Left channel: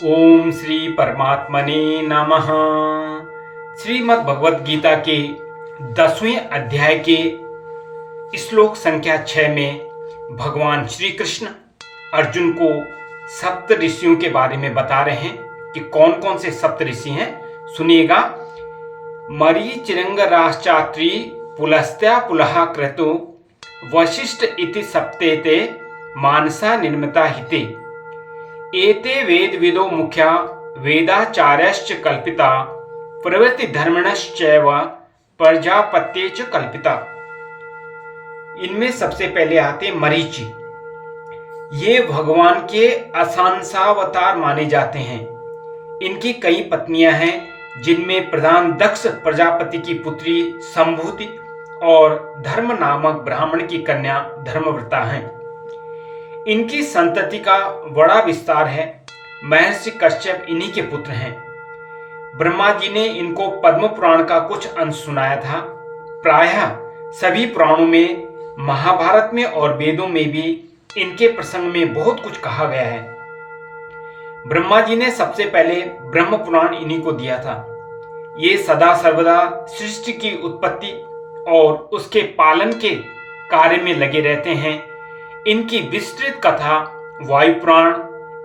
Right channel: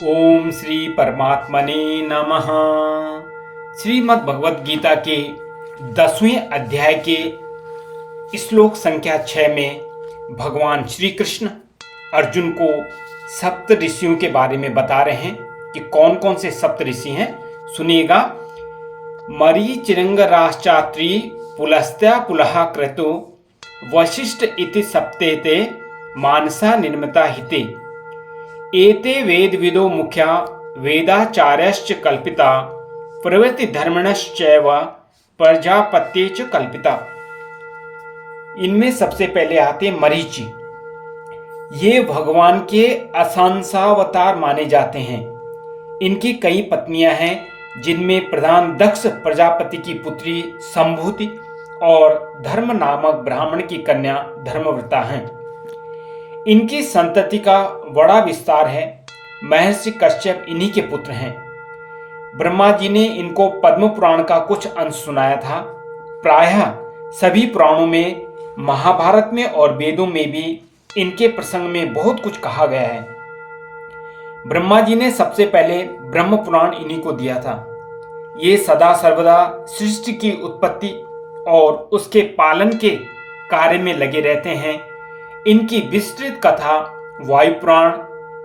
ओम श्री परमात्मने नमः। श्रीमद् भगवद गीता के 10वें अध्याय के श्लोक संख्या 6 में भगवान श्री कृष्ण अर्जुन को सप्त ऋषियों के बारे में बता रहे हैं कि कौन कौन से सप्त ऋषि हैं। सुनिएगा। मरीचिरंगराश्चात्री पुलस्त्या पुलः क्रतु वशिष्ठ इति सप्तेते मानसा निर्मिता हिते एते वेदविदो मुख्या वेदाचार्यश्च कल्पिता प्रवृत्ति धर्मणश्चैव प्रजापत्ये च कल्पिता। इनमें सबसे पहले आते मरीचि। ये भगवान के असंसावतार माने जाते हैं। इनकी कई पत्नियां हैं, जिनमें प्रधान दक्ष प्रजापति की पुत्री संभूति और धर्म नामक ब्राह्मण की कन्या धर्मव्रता हैं। इनकी संतति का बड़ा विस्तार है। महर्षि कश्यप इन्हीं के पुत्र हैं। ब्रह्मा जी ने इनको पद्म पुराण का कुछ अंश सुनाया था। प्रायः सभी पुराणों में, महाभारत में और वेदों में भी इनके प्रसंग में बहुत कुछ कहा गया है। ब्रह्मा जी ने सबसे पहले ब्रह्म पुराण इन्हीं को दिया था। ये सदा सर्वदा सृष्टि की उत्पत्ति और उसके पालन के कार्य में लगे रहते हैं। इनकी विस्तृत कथा वायु पुराण,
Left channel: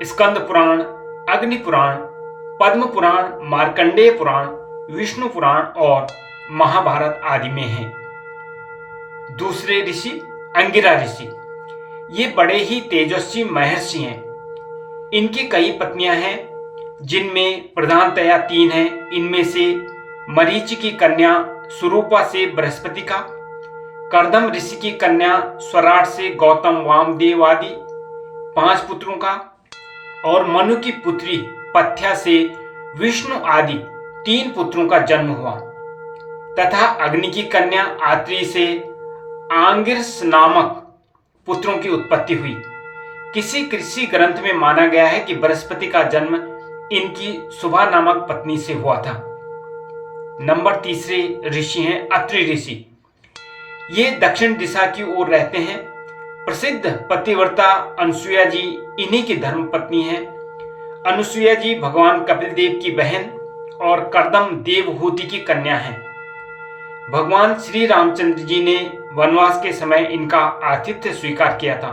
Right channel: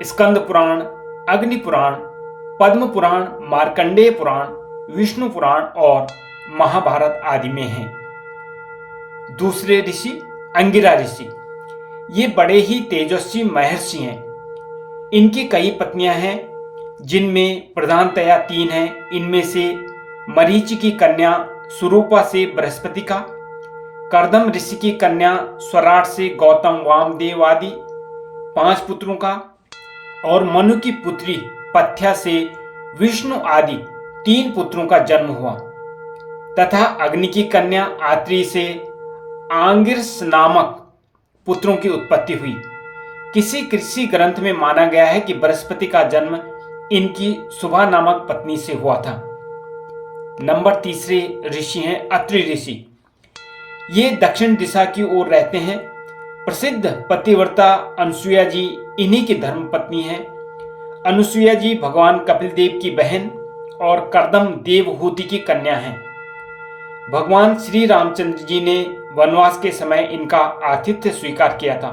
स्कंद पुराण, अग्नि पुराण, पद्म पुराण, मार्कंडेय पुराण, विष्णु पुराण और महाभारत आदि में है। दूसरे ऋषि अंगिरा ऋषि। ये बड़े ही तेजस्वी महर्षि हैं। इनकी कई पत्नियां हैं, जिनमें प्रधानतया 3 हैं। इनमें से मरीचि की कन्या सुरूपा से बृहस्पति का, कर्दम ऋषि की कन्या स्वराट से गौतम वामदेव आदि 5 पुत्रों का, और मनु की पुत्री पथ्या से विष्णु आदि 3 पुत्रों का जन्म हुआ, तथा अग्नि की कन्या आत्री से आंगिरस नामक पुत्रों की उत्पत्ति हुई। किसी कृषि ग्रंथ में माना गया है कि बृहस्पति का जन्म इनकी सुभा नामक पत्नी से हुआ था। नंबर 3 ऋषि हैं अत्रि ऋषि। ये दक्षिण दिशा की ओर रहते हैं। प्रसिद्ध पतिव्रता अनुसुईया जी इन्हीं की धर्मपत्नी हैं। अनुसुईया जी भगवान कपिल देव की बहन और कर्दम देवहूति की कन्या हैं। भगवान श्री रामचंद्र जी ने वनवास के समय इनका आतिथ्य स्वीकार किया था।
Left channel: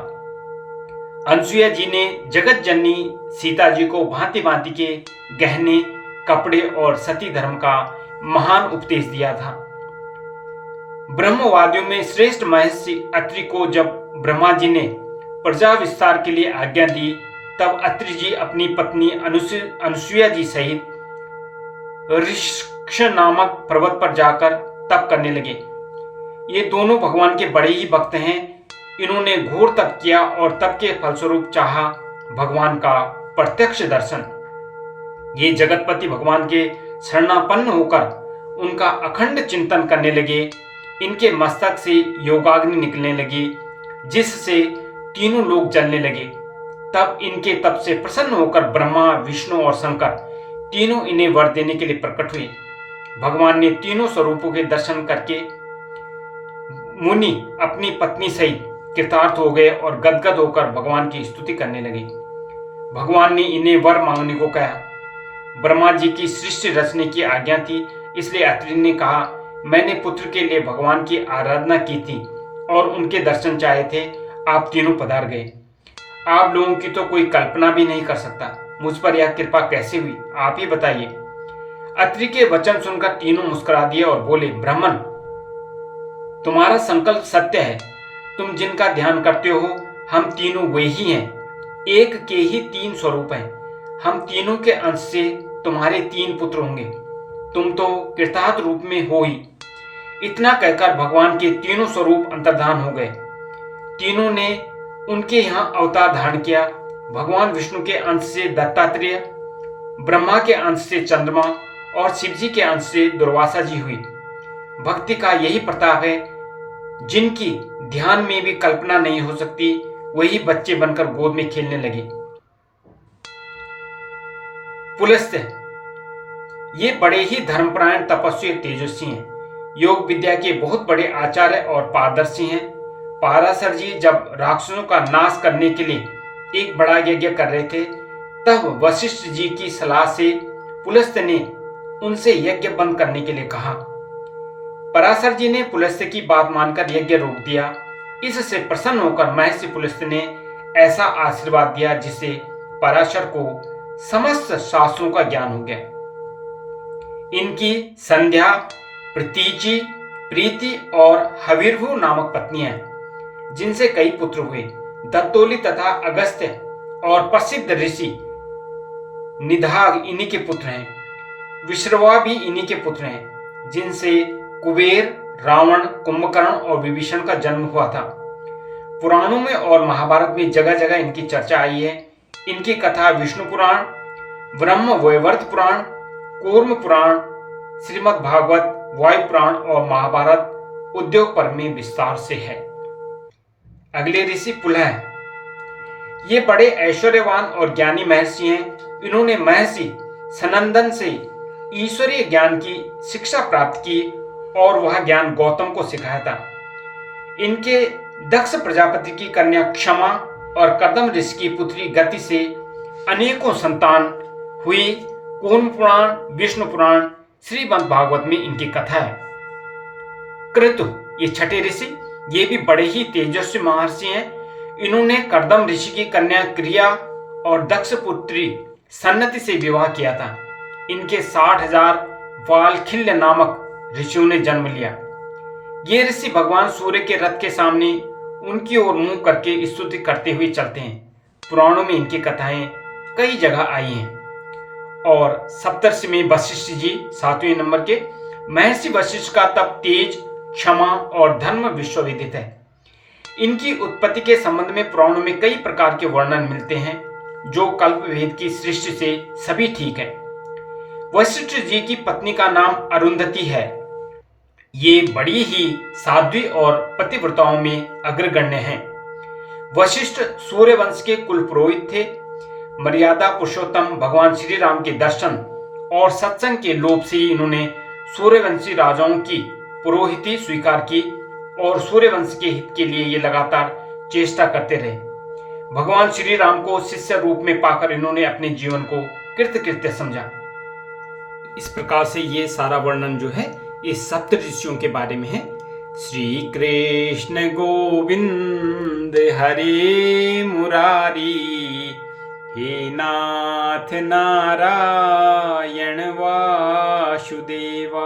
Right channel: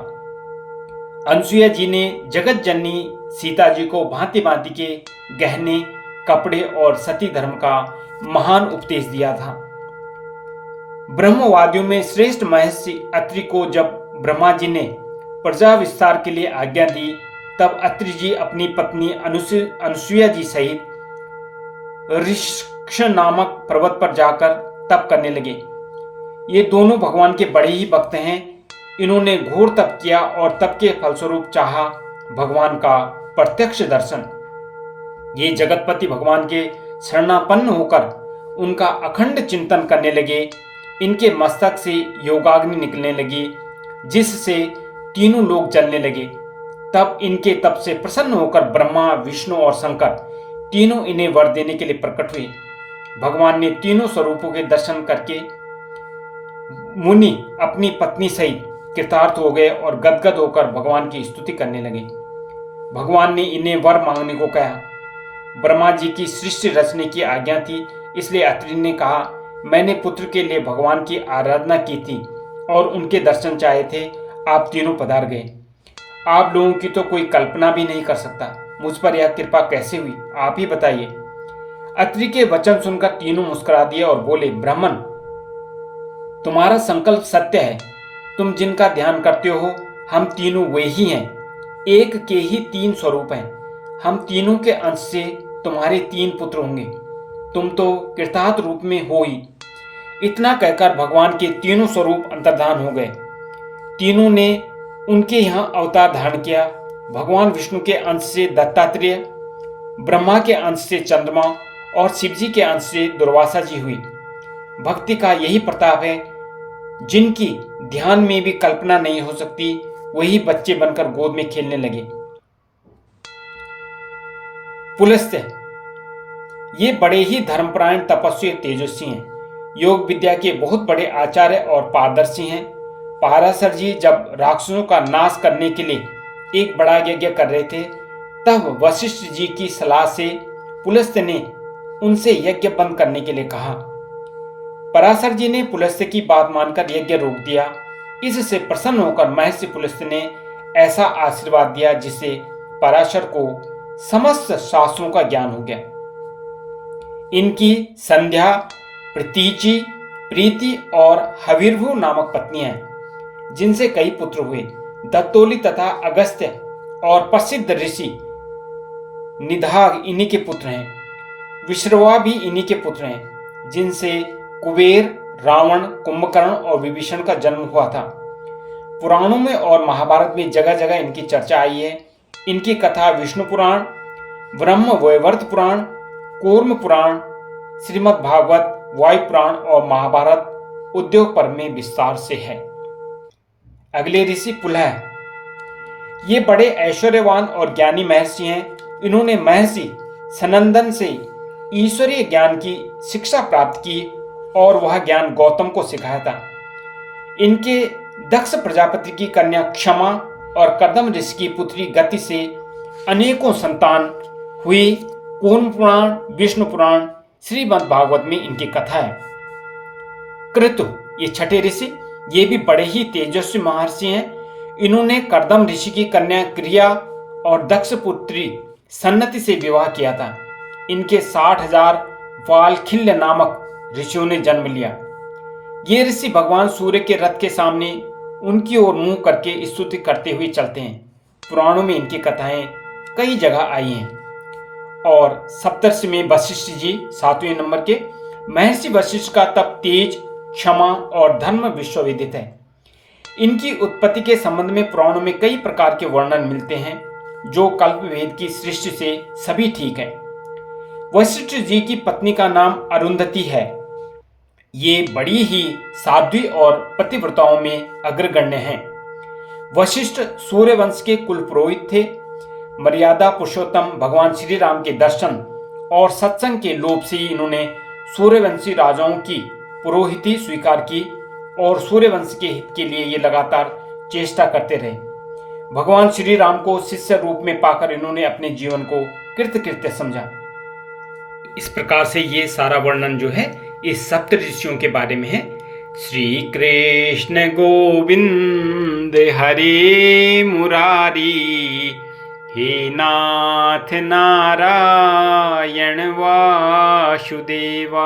अनुसुईया जी ने जगत जननी सीता जी को भांति भांति के गहने, कपड़े और सती धर्म का महान उपदेश दिया था। ब्रह्मवादियों में श्रेष्ठ महर्षि अत्रि को जब ब्रह्मा जी ने प्रजा विस्तार के लिए आज्ञा दी, तब अत्रि जी अपनी पत्नी अनुसुईया जी सहित ऋक्ष नामक पर्वत पर जाकर तप करने लगे। ये दोनों भगवान के बड़े ही भक्त हैं। इन्होंने घोर तप किया और तप के फलस्वरूप चाहा भगवान का प्रत्यक्ष दर्शन। ये जगतपति भगवान के शरणापन्न होकर उनका अखंड चिंतन करने लगे। इनके मस्तक से योगाग्नि निकलने लगी, जिससे तीनों लोग जलने लगे। तब इनके तप से प्रसन्न होकर ब्रह्मा, विष्णु और शंकर तीनों इन्हें वर देने के लिए प्रकट हुए। भगवान ने तीनों स्वरूपों के दर्शन करके मुनि अपनी पत्नी सहित कृतार्थ हो गए और गदगद होकर भगवान की स्तुति करने लगे। भगवान ने इन्हें वर मांगने को कहा। ब्रह्मा जी की सृष्टि रचने की आज्ञा थी, इसलिए अत्रि ने कहा, मैंने पुत्र के लिए भगवान की आराधना की थी और उनके दर्शन चाहे थे। आप तीनों पधार गए। आप लोगों की तो कोई कल्पना भी नहीं कर सकता। मुझ पर यह कृपा कैसे हुई, आप ही बताइए। अत्रि के वचन सुनकर तीनों मुस्कुरा दिए और बोले, ब्राह्मण, तुम्हारा संकल्प सत्य है। तुम जिनका ध्यान करते हो, हम तीनों वे ही हैं। एक के ही 3 स्वरूप हैं। हम तीनों के अंश से तुम्हारे 3 पुत्र होंगे। तुम तो कृतार्थ रूप में हो ही। इतना कहकर भगवान के तीनों स्वरूप अंतर्धान हो गए। तीनों ने उनके यहाँ अवतार धारण किया। भगवान विष्णु के अंश से दत्तात्रेय, ब्रह्मा के अंश से चंद्रमा और शिव जी के अंश से दुर्वासा जी हुई। भक्ति का यही प्रताप है। जिनकी ध्यान में भी कल्पना नहीं हो सकती, वही बच्चे बनकर गोद में खेलने लगे। पुलस्त्य। ये बड़े ही धर्मपरायण, तपस्वी और तेजस्वी हैं। योग विद्या के बहुत बड़े आचार्य और पारदर्शी हैं। पाराशर जी जब राक्षसों का नाश करने के लिए एक बड़ा यज्ञ कर रहे थे, तब वशिष्ठ जी की सलाह से पुलस्त्य ने उनसे यज्ञ बंद करने के लिए कहा। पराशर जी ने पुलस्त्य की बात मानकर यज्ञ रोक दिया। इससे प्रसन्न होकर महर्षि पुलस्त्य ने ऐसा आशीर्वाद दिया जिससे पराशर को समस्त शास्त्रों का ज्ञान हो गया। इनकी संध्या, प्रतीचि, प्रीति और हविर्भु नामक पत्नियां, जिनसे कई पुत्र हुए। दत्तोली तथा अगस्त्य और प्रसिद्ध ऋषि निधाग इन्हीं के पुत्र हैं। विश्रवा भी इन्हीं के पुत्र हैं, जिनसे कुबेर, रावण, कुंभकर्ण और विभीषण का जन्म हुआ था। पुराणों में और महाभारत में जगह जगह इनकी चर्चा आई है। इनकी कथा विष्णु पुराण, ब्रह्म वैवर्त पुराण, कूर्म पुराण, श्रीमद् भागवत, वायु पुराण और महाभारत उद्योग पर्व में विस्तार से है। अगले ऋषि पुलह। ये बड़े ऐश्वर्यवान और ज्ञानी महर्षि हैं। इन्होंने महर्षि सनंदन से ईश्वरीय ज्ञान की शिक्षा प्राप्त की और वह ज्ञान गौतम को सिखाया था। इनके दक्ष प्रजापति की कन्या क्षमा और कर्दम ऋषि की पुत्री गति से अनेकों संतान हुई। कूर्म पुराण, विष्णु पुराण, श्रीमद् भागवत में इनकी कथा है। क्रतु, ये छठे ऋषि, ये भी बड़े ही तेजस्वी महर्षि हैं। इन्होंने कर्दम ऋषि की कन्या क्रिया और दक्ष पुत्री सन्नति से विवाह किया था। इनके 60,000 वालखिल्य नामक ऋषियों ने जन्म लिया। ये ऋषि भगवान सूर्य के रथ के सामने उनकी ओर मुंह करके स्तुति करते हुए चलते हैं। पुराणों में इनकी कथाएं कई जगह आई हैं। और सप्तर्षि में वशिष्ठ जी 7वें नंबर के। महर्षि वशिष्ठ का तप तेज, क्षमा और धर्म विश्वविदित है। इनकी उत्पत्ति के संबंध में पुराणों में कई प्रकार के वर्णन मिलते हैं, जो कल्पवेद की सृष्टि से सभी ठीक है। वशिष्ठ जी की पत्नी का नाम अरुंधति है। ये बड़ी ही साध्वी और पतिव्रताओं में अग्रगण्य हैं। वशिष्ठ सूर्यवंश के कुल पुरोहित थे। मर्यादा पुरुषोत्तम भगवान श्री राम के दर्शन और सत्संग के लोभ से इन्होंने सूर्यवंशी राजाओं की पुरोहिती स्वीकार की और सूर्यवंश के हित के लिए ये लगातार चेष्टा करते रहे। भगवान श्री राम को शिष्य रूप में पाकर इन्होंने अपने जीवन को कृतकृत्य समझा। इस प्रकार से ये सारा वर्णन जो है इस सप्त ऋषियों के बारे में है। श्री कृष्ण गोविंद हरे मुरारी, हे नाथ नारायण वासुदेवा।